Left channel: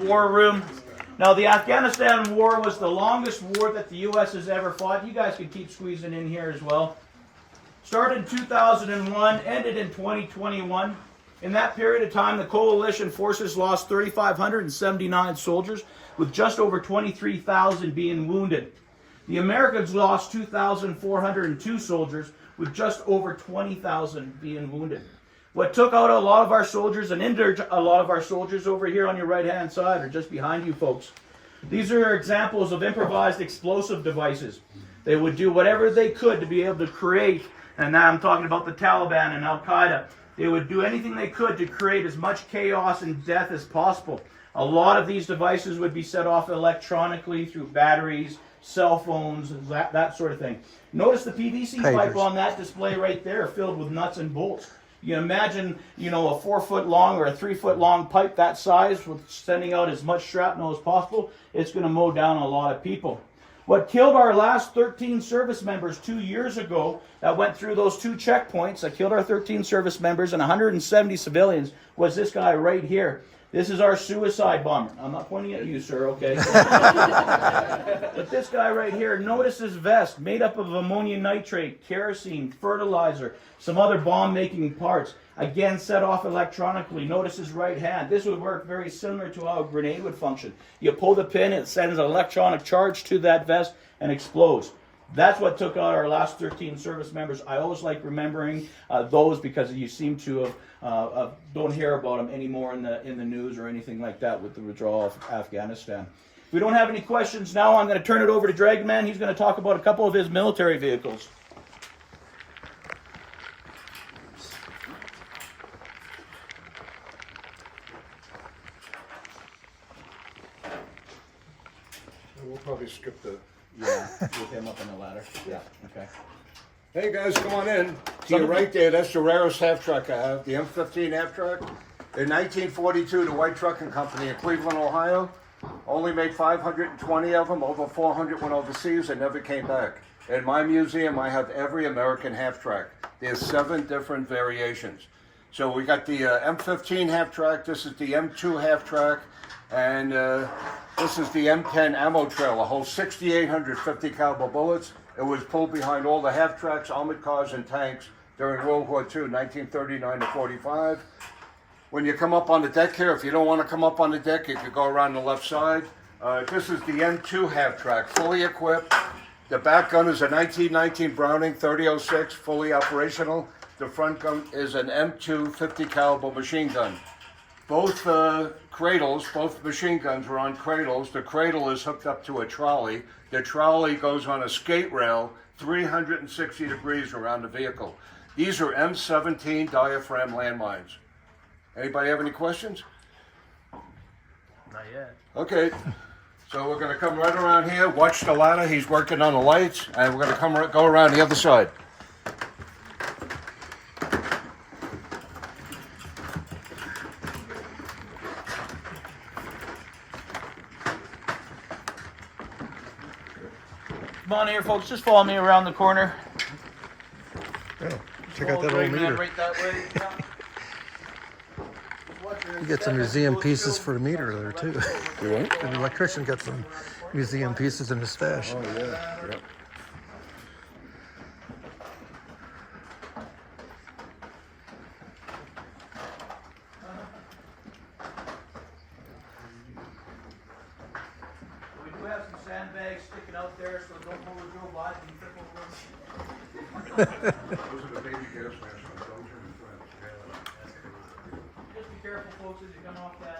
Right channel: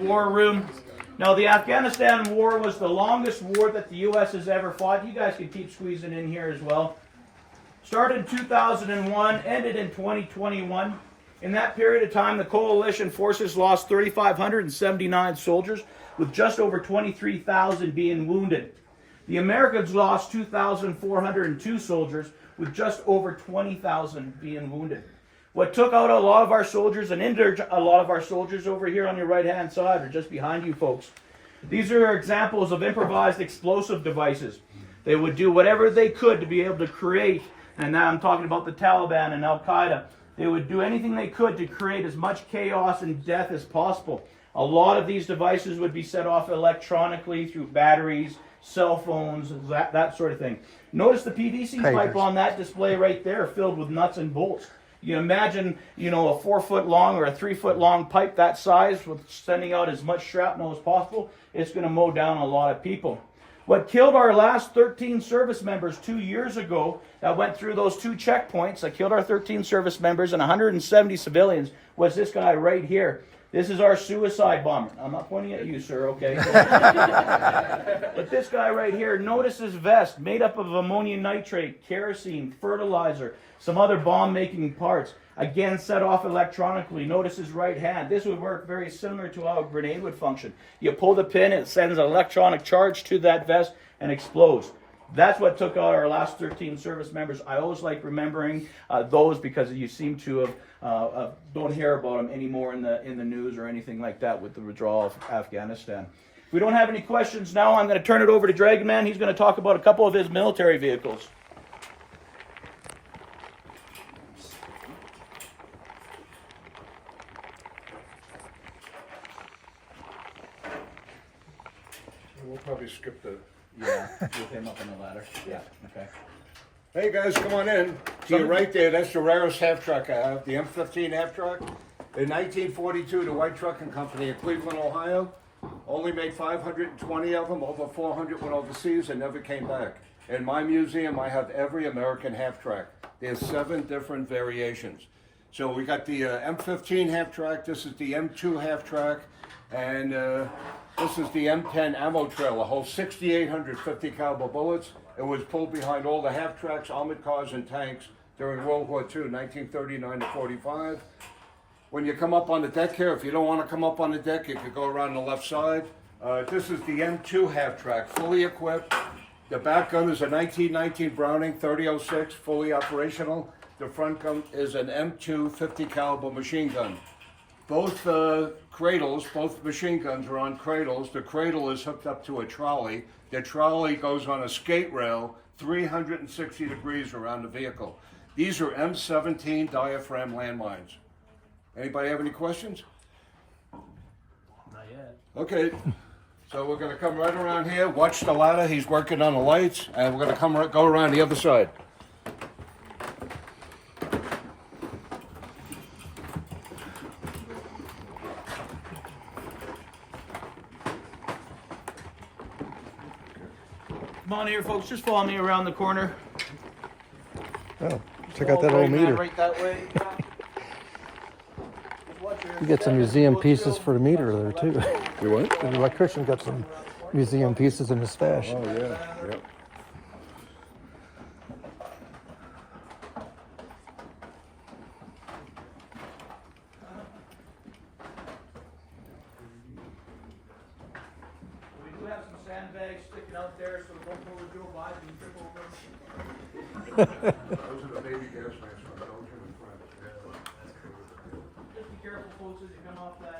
War room. Now, the Afghanistan war was the longest war that the U.S. has ever fought. You guys can keep squeezing in here as well. Started in 2001, ended in 2021. In that period of time, the coalition forces lost 3,579 soldiers, with just over 23,000 being wounded. The Americans lost 2,402 soldiers, with just over 20,000 being wounded. What took out a lot of our soldiers and injured a lot of our soldiers over here on your right-hand side, or just behind you folks. These are examples of improvised explosive devices. They would do whatever they could to be able to create, and now I'm talking about the Taliban and Al-Qaeda, they would do anything they could to create as much chaos and death as possible. A lot of these devices would be set off electronically through batteries, cell phones, that sort of thing. Notice the PVC pipe on that display right there filled with nuts and bolts. You imagine, a 4-foot long or a 3-foot long pipe that size with sending out as much shrapnel as possible. It's going to mow down a lot of people. What killed our last 13 service members 2 years ago that went through those 2 checkpoints, that killed our 13 service members and 170 civilians, was this guy right here. This is our suicide bomber. I'm not pointing at you, sir, okay? But this guy right here, notice his vest, made up of ammonium nitrate, kerosene, fertilizer, some other bomb-making parts. Again, set off electronically. Notice his right hand. This would work very similar to how a grenade would function. You pull the pin, it sends an electronic charge to that vest and explodes. That's what took out our last 13 service members. I always like remembering those because you seem to have don't hear about them anymore in the news or anything like that with the withdrawal of Afghanistan. If we don't have any questions now, I'm going to turn it over to Dragonman. He's going to talk about a couple of his military vehicles. We'll probably skip the... Yeah, with him up on the ladder. Yeah, okay. Hey guys, come on in. To your right there, that's the rarest half-track I have, the M15 half-track. In 1942, the White Trucking Company in Cleveland, Ohio, only made 520 of them. Over 400 went overseas and never came back. In my museum, I have every American half-track. There's 7 different variations. So we got the M15 half-track, this is the M2 half-track, and this is the M10 ammo trailer, holds 6,850 caliber bullets. It was pulled behind all the half-tracks, armored cars, and tanks during World War II, 1939 to 45. When you come up on the deck here, if you don't want to come up on the deck, you could go around the left side. This is the M2 half-track, fully equipped. The back gun is a 1919 Browning 3006, fully operational. The front gun is an M2 50 caliber machine gun. Both cradles, both machine guns are on cradles. The cradle is hooked up to a trolley. The trolley goes on a skate rail 360 degrees around the vehicle. These are M17 diaphragm landmines. Anybody have any questions? Not yet. Okay, so we're going to come right around here. Watch the ladder. He's working on the lights, and we're going to go around the other side. Come on here, folks. Just follow me around the corner. Oh, check out that old meter. Right that way. You get some museum pieces for the meter there too. You what? The electrician got some museum pieces in his stash. Oh, yeah. We do have some sandbags sticking out there, so don't pull the drill by and trip over them. Those are the baby gas masks. Those are in front. Just be careful, folks, as you come off that.